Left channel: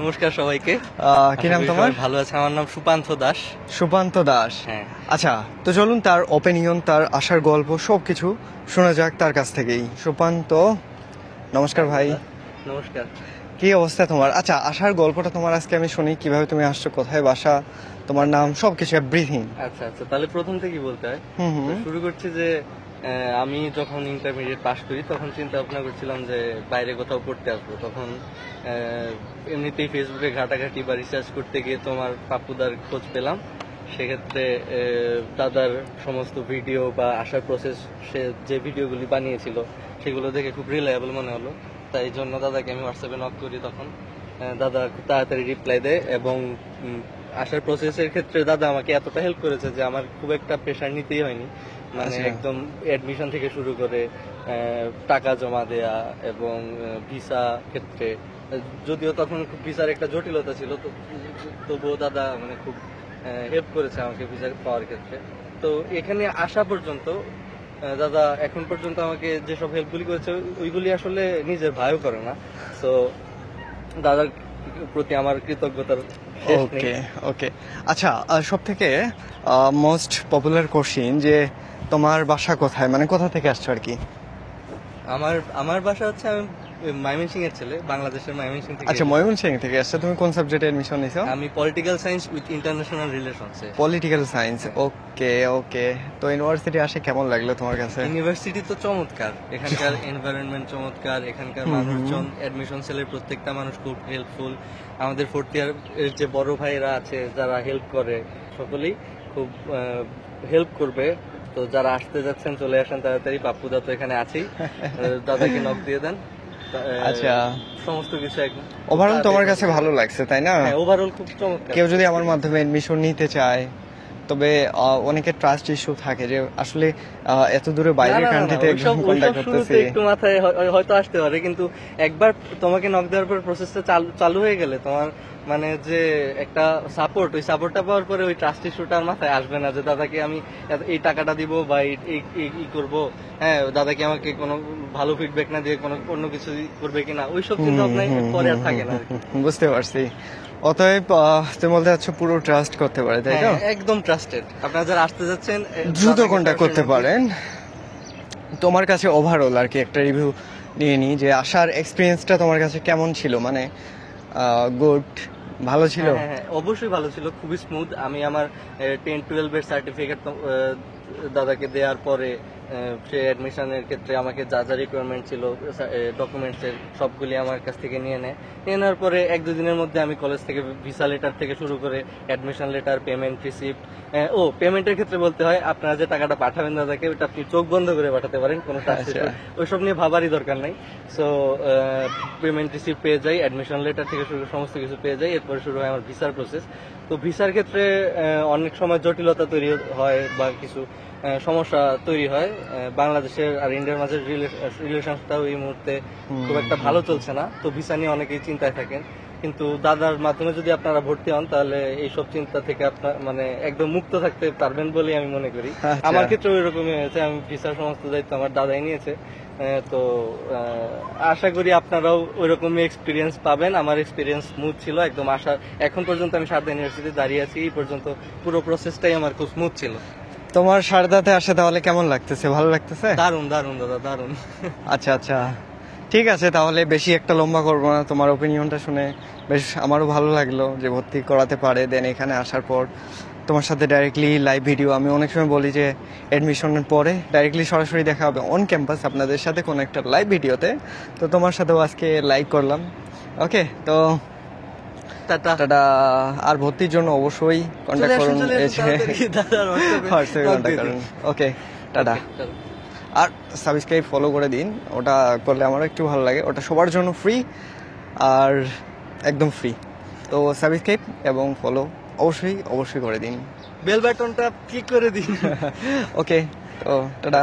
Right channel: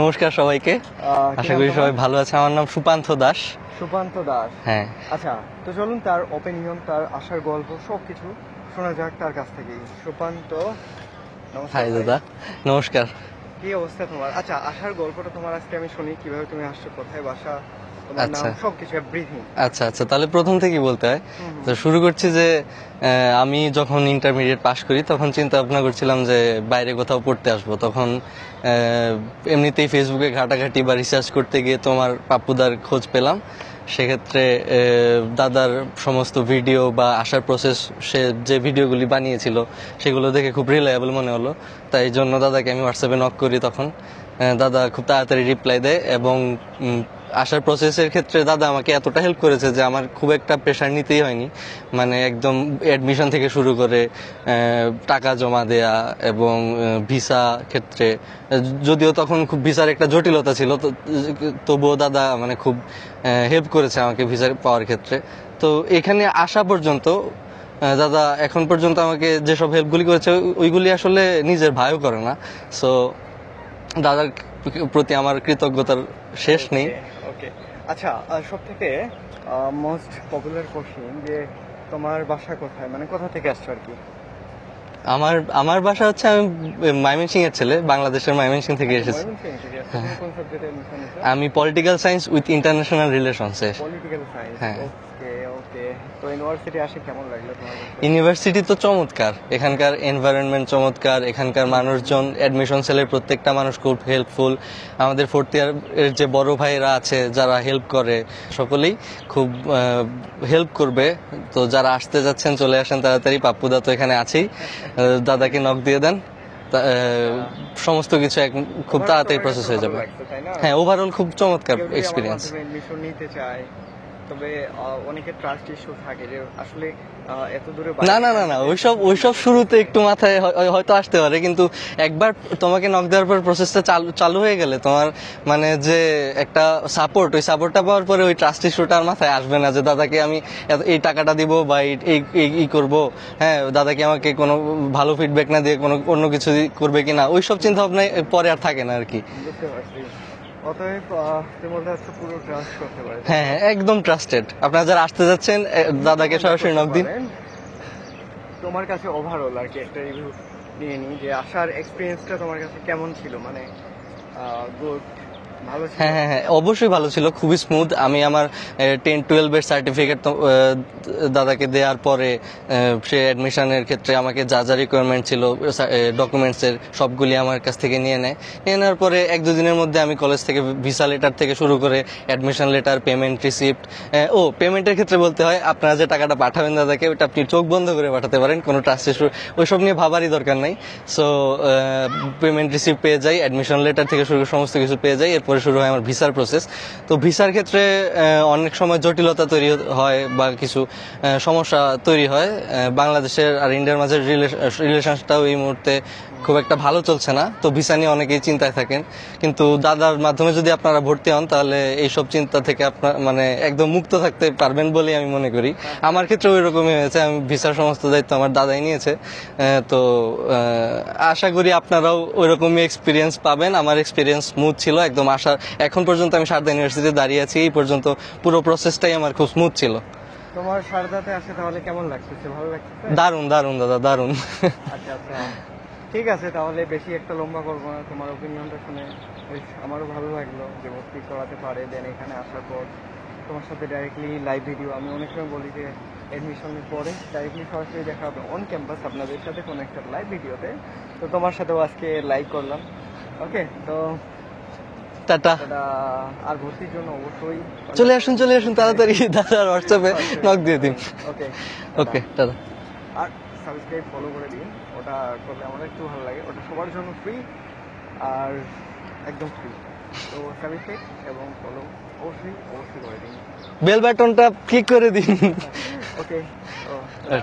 নমস্কার সবাইকে। কি নাম তোমার? সবাই ভালো আছে। আমার নাম সুপান্থ দাস। সুপান্ত দাস। হ্যাঁ। আচ্ছা, তো চলুন তার ওপিনিয়ন, তার আশার গল্প সবকিছু শোনা যাক তার কাছ থেকেই। সুপান্ত, নমস্কার ভাই। নমস্কার। কি অবস্থা তোমার? আচ্ছা, আশার গল্পটা তোমার আজকে আমি শুনি, কিভাবে তুমি আসছো, কোথায় বাসা, তোমার নাম, সবকিছু এভরিথিং। আচ্ছা, তাহলে প্রথম থেকেই বলতে হয়। তো শুরু করছি যে আমি যখন ইন্টারমিডিয়েট পাশ করি তখন চিন্তা ভাবনা করছিলাম যে বাইরে কোথাও পড়তে আসবো। তখন এমনিতেই ফেসবুকে ঘাটাঘাটি বা রিসার্চ করতে গিয়ে তোমার পাপ্পুদার খোঁজ পেলাম। সেক্ষেত্রে দাদার সমস্ত ভিডিও বা আসার প্রসেস, সে যে ভিডিওগুলি বানিয়েছিল সেগুলো দেখে খুব রিলায়েবল মনে হলো। তাই জন্য দাদাকে আমি হোয়াটসঅ্যাপে নক করি। তখন দাদা খুব তাড়াতাড়ি রিপ্লাই দেয় এবং আসার প্রসেসের ক্ষেত্রে দাদা আমাকে এতটা হেল্প করেছে যে আমার খুব একটা প্রেশার নিতেই হয়নি। মানে একদম অ্যাডমিশন থেকে শুরু করে টাকা জমা দেয়া এবং ভিসা ক্ষেত্রে, যদিও তখন খুব ভিসার একটা জটিলতা ছিল, তবুও দাদা মানে খুব হেল্প করেছে আমাকে ভিসা পাওয়ার ক্ষেত্রে। তো এখানে আসা পর্যন্ত দাদা এখন পর্যন্ত আমাকে যেসব হেল্পগুলি করেছে ওইগুলি আসলে নিজের ভাইও করে না। সো দাদার প্রতি আমার কৃতজ্ঞতার শেষ নেই। ওকে, আচ্ছা, সব থেকে মোস্ট পপুলার কোশ্চিন যে তোমার বাসা কোথায়, মানে কোথা থেকে আসছো আর কি? আমার বাসা হচ্ছে, আমি ময়মনসিং এর ছেলে, বাংলাদেশের ময়মনসিং থেকে আচ্ছা, এসেছি। ময়মনসিং থেকে আসছো। তুমি কোন সাবজেক্টে এডমিশন নিছো? আমি political science with international relations এ। Political science. ওকে, তো ইউনিভার্সিটি আসে কেমন লাগলো তোমার কাছে? ইউনিভার্সিটি তো চমৎকার, এখানকার এনভায়রনমেন্ট চমৎকার, এখানকার মানুষজন, অ্যাডমিশন সেলের প্রত্যেকটা মানুষ খুব হেল্পফুল। আমাদের ফোর্থ ইয়ারের যে বড় ভাইরা আছে যারা হেল্প করে, সকলেই খুব হেল্প করবে। তো যারা আসতে যাচ্ছেন চলে আসেন তাড়াতাড়ি, পাপ্পুদা তো এখানে আছেই, দাদাকে নক দিয়ে দেন। সমস্ত কিছু খুব তাড়াতাড়ি তোমার কাছে ভালো লাগছে, তাই না? হ্যাঁ, ওভারঅল খুব চমৎকার। কেউ যদি আমার মাধ্যমে এডমিশন নিতে চায়, তবে অনেকের ট্রাস্ট ইস্যু থাকে যে আসলে এত দূরে বাইরে কান্ট্রিতে ওইসব শুরুতে একটু মাথায় হয়তো আসতে পারে, কিন্তু একবার তোমাকে নক দেওয়ার পর প্রসেসটা চালু হয়ে গেলে তোমার মানে যে একটা সাপোর্ট, ওই সাপোর্টটা পাওয়ার পরে ওই ট্রাস্ট ইস্যুটা আর মাথায় আসবে না যে দাদাকে আমি এই টাকাটা দিব বা এই করবো, হ্যাঁ দাদাকে আমাকে কোনো ভালো ফিডব্যাক না দিয়ে কোনো অন্য কিছু করবে কিনা, ওইসব চিন্তা ভাবনা পরে আর থাকে না আর কি। বুঝতে পারছি। অতএব তুমি বলতে চাচ্ছ পুরো ট্রাস্ট করতে পারে, তাই না? একদম ট্রাস্টেড। আপনারা যারা আসতে যাচ্ছেন দাদাকে করতে পারেন। তোমার কাছে ওভারঅল আর কি একটা রিভিউ নিয়ে নি যে আসার এক্সপেরিয়েন্সটা তোমার কাছে কেমন ছিল, মানে গুড, ভালো ছিল? হ্যাঁ, অবশ্যই ভালো ছিল, খুবই স্মুথ। আমি আমার 10-12 এর সার্টিফিকেট দাদাকে দেওয়ার পরে সে অ্যাডমিশনের ক্ষেত্রে আমাকে যা যা রিকোয়ারমেন্ট ছিল ডকুমেন্টস এর সবগুলি আমার কাছ থেকে নিয়ে নেওয়ার পরে 1-2 দিনের মধ্যে আমি কলেজ থেকে ভিসা লেটার থেকে শুরু করে অ্যাডমিশন লেটার, পেমেন্ট রিসিপ্ট। পেমেন্টের ক্ষেত্রে বলতে হয়, আপনারা যে টাকাটা পাঠাবেন দাদাকে, ওটা আপনি চোখ বন্ধ করে পাঠাতে পারেন, কোনো ট্রাস্ট ইস্যু ওইসব নিয়ে ভাবারই দরকার নাই। সো পেমেন্ট রিসিপ্ট পেয়ে যাই, অ্যাডমিশন লেটার থেকে শুরু সমস্ত কিছু পেয়ে যাই। এরপরে শুরু হয় আমার ভিসার প্রসেস। তো ভিসার ক্ষেত্রে অনেক সময় জটিলতা তৈরি হয় বা কিছু সমস্যা তৈরি হয়। বাংলাদেশের আর ইন্ডিয়ার মাঝে রিলেশনটাও এই মুহূর্তে খুব একটা ভালো চলছে না, তো ভিসা নিয়ে অনেকেই চিন্তায় থাকেন। কিন্তু দাদার মাধ্যমে যদি আপনারা ভর্তি হন তাহলে এইসব চিন্তা থেকে আপনার মানে একদম মুক্ত থাকতে পারবেন বলে আমি মনে করি। আমার ক্ষেত্রে ওই রকমই হয়েছে, আমি ভিসার সমস্ত দায়িত্ব আমার দাদাই নিয়েছে। তো আশা করি আপনারাও ওই রকমই এক্সপিরিয়েন্স পাবেন। আমার এক্সপিরিয়েন্স স্মুথ ছিল একদম। এখন পর্যন্ত আমি শারদা ইউনিভার্সিটিতে দাঁড়িয়ে আছি, এই পর্যন্ত পুরো প্রসেসটাই আমার খুব স্মুথ ছিল। তোমার শারদাতে আসে তাহলে কেমন লাগতেছে? ভালো লাগতেছে? দারুণ দাদা, দারুণ। আচ্ছা, ঠিক আছে, তাহলে বেশি একটা লম্বা করবো না। তোমার ওপিনিয়নটা শুনে বেশ আমারও ভালো লাগলো যে ভর্তি করাতে পারে। দেন এখানে আসার পর তোমার সাথে ডাইরেক্টলি লাইভ ভিডিও, আমি অনেক সময় বলি যে অ্যাডমিশনের পরে ডাইরেক্টলি সরাসরি দেখা হবে অন ক্যাম্পাস আপনাদের সাথে কোনো একটা লাইভ ভিডিওতে। তো তোমার সাথেও আজকে লাইভ করলাম। ওকে, তো টাটা। আর ভর্তির জন্য অবশ্যই চলে আসুন তাড়াতাড়ি, দাদার হোয়াটসঅ্যাপে নক দিয়ে দিন। ওকে, টাটা। আর সাবস্ক্রাইব ফলো করে দিন, ওটা করলে আমার একটু ভালো লাগে। ওটা সবার জন্য ফ্রি, আর একদম ফ্রি। তো সাবস্ক্রাইব এবং ফলো অবশ্যই করে দিন, বেল বাটনটা ক্লিক করে দিন। ওকে, তো টাটা।